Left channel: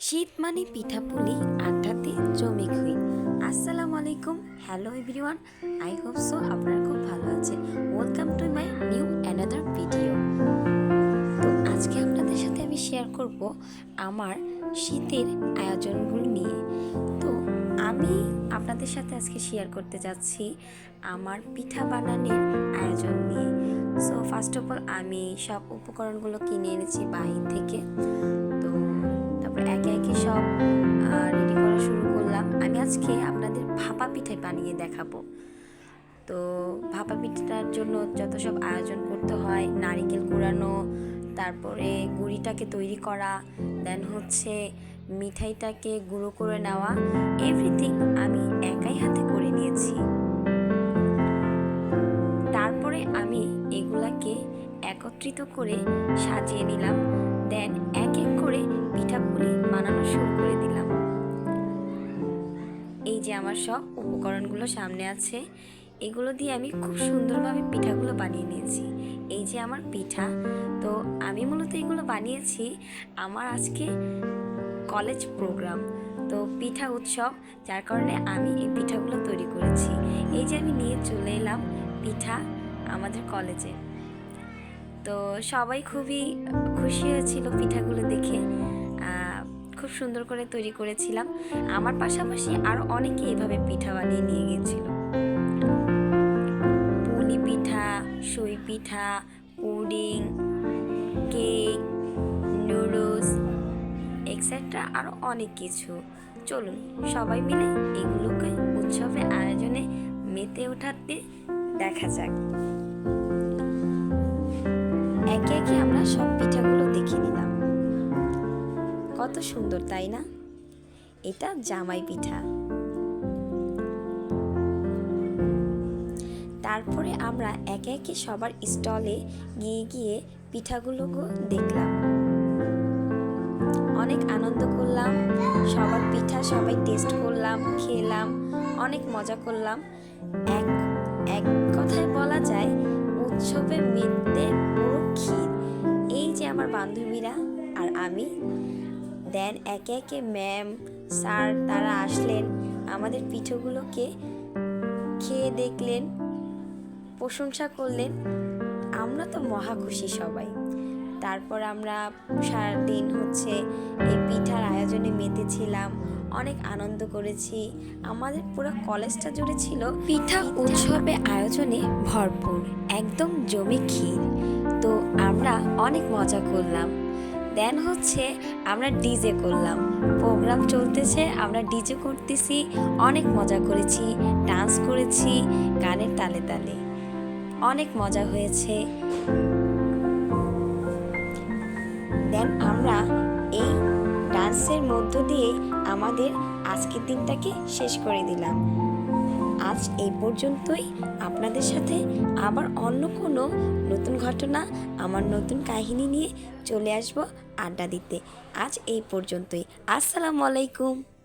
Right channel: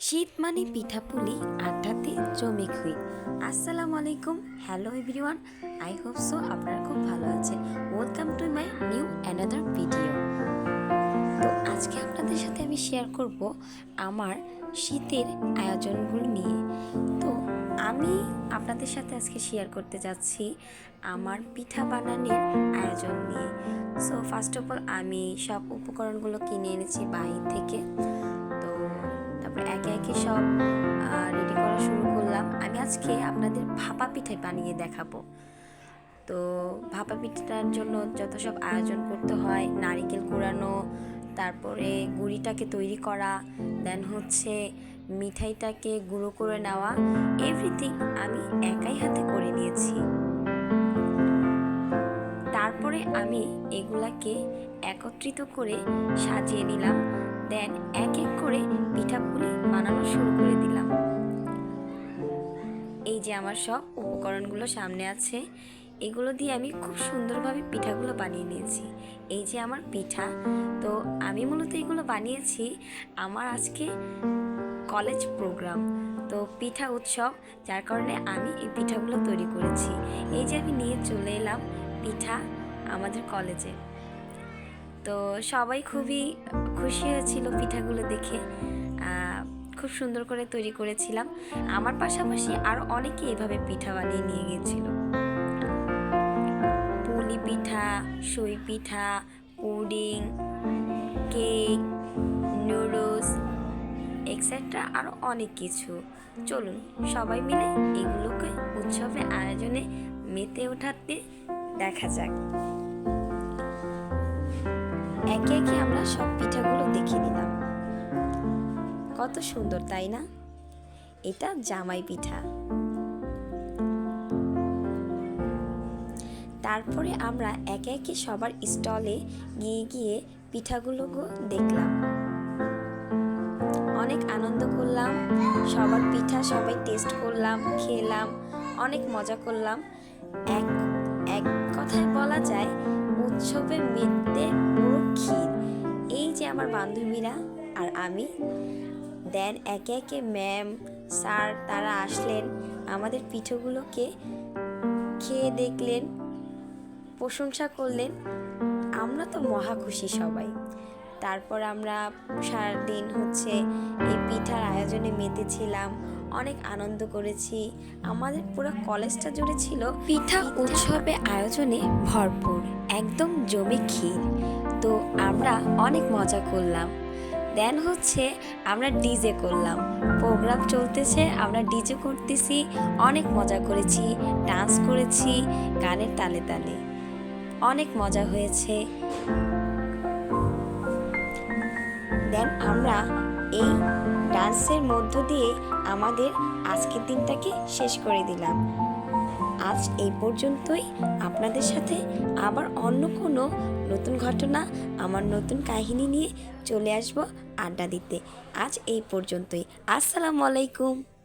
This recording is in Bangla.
শীত মানে পিঠাপুলি আড্ডাতে জমে খুই। আসসালামু আলাইকুম, hello everyone, I hope so আপনারা খুব ভালো আছেন। Welcome to my new another video. তো আজকে আপনাদের সাথে আমি শেয়ার করব আমার শীতের আয়োজনগুলো নিয়ে। তো আমি আপনাদের সাথে আজকে শেয়ার করতে যাচ্ছি আমার পিঠা বানানোর আয়োজন নিয়ে। সো ফার্স্ট অফ অল আমি সব উপকরণগুলো কিনে এনেছি বাহির থেকে। তারপর একে একে সব রেডি করা শুরু করলাম। আমি আজকে আপনাদের ভাপা পিঠাই বানিয়ে দেখাবো। তো ভাপা পিঠাটার জন্য যত সব আয়োজন করতে হয়, নারিকেল কুড়ানো, তারপরে গুড়িটাকে তৈরি করা দেন হচ্ছে মিঠাইটাকে গুঁড়ো করে নেওয়া এভরিথিং আমি একাই হাতে করে নিয়েছি। তারপরে আমি এগুলাকে একত্রিত করে সাজিয়ে নিলাম দেন এক এক করে পিঠাপুলি বানানো শুরু করে দিলাম। এই যে আমার সব উপকরণগুলো সামনে আছে, এগুলো দিয়ে আমি খুব সুন্দরভাবে পিঠাগুলো বানিয়ে নিয়েছি। এই যে আমার পিঠা, তো আমি মূলত এগুলো বানিয়েছি আমার আজকে কলেজ প্রোগ্রাম, তো পিঠা উৎসব, যার কারণে আমি এই পিঠাগুলো তৈরি করেছি। এই যে আমি নিয়ে চলে এলাম পিঠা আমাদের কলেজে। তো সবাই খুবই খুশি হয়েছিল পিঠাগুলো দেখে। খুব সুন্দর করে তৈরি করেছিলাম। আমার পাশাপাশি আরও অনেকে এভাবে পিঠা বানিয়ে নিয়ে গিয়েছিল পুলি পিঠা, সই পিঠা, পুডিং, কেক, নুডলস, এক্সেট্রা আরও অনেক কিছু। চলুন, সবাই মিলে এগুলোকে উৎসবে আয়োজনে মেতে ওঠাতে দেখা যাক। একে একে আমরা সব পিঠাগুলো দেখে নিলাম। কত সুন্দর, তাই না? এটা জামাই পিঠা। তারপরে আমরা একে একে সবার স্টলে গিয়ে গিয়ে পিঠাগুলোকে দেখলাম। অনেক আনন্দ করলাম, সবার পিঠা সবাই টেস্ট করলাম, খেলাম, অনেক মজা করলাম। এক এক কথায় বলা যায়, উৎসবে মেতে পুরো ক্ষীর। এই যে আমার বান্ধবীরা আর আমি দেন একে একে ম্যাম স্যার তারা আসলেন। আমাদের পিঠোগুলোকে খেয়ে দেখলেন প্রশংসা করলেন। আমরা তো মহা খুশি সবাই। তারপর আমরা সারাদিন হচ্ছে এই পিঠার আয়োজনে মেতেছিলাম অনেক আনন্দ করেছি। আমাদের পুরো কলেজটা জুড়ে ছিল পিঠা উৎসবে আয়োজনে ভরপুর একদম জমে ক্ষীর। তো আমরা অনেক মজা করলাম। দেন হচ্ছে আমরা ডিজে করলাম। প্রোগ্রাম চলতেছে, আমরা ডিজে করতেছি, অনেক মজা করেছি ডান্স করেছি, গানের তালে তালে। অনেক মজা হয়েছে। দেন আমরা এই ডান্সের মধ্য দিয়ে আমাদের আজকের দিনটাকে শেষ করে দিলাম। আজ এই পর্যন্তই। আপনাদের সাথে আবার অন্য কোনো নতুন ঘটনা, আমার নতুন কাহিনী নিয়ে চলে আসব আড্ডা দিতে। আজ এই পর্যন্তই। আসসালামু আলাইকুম।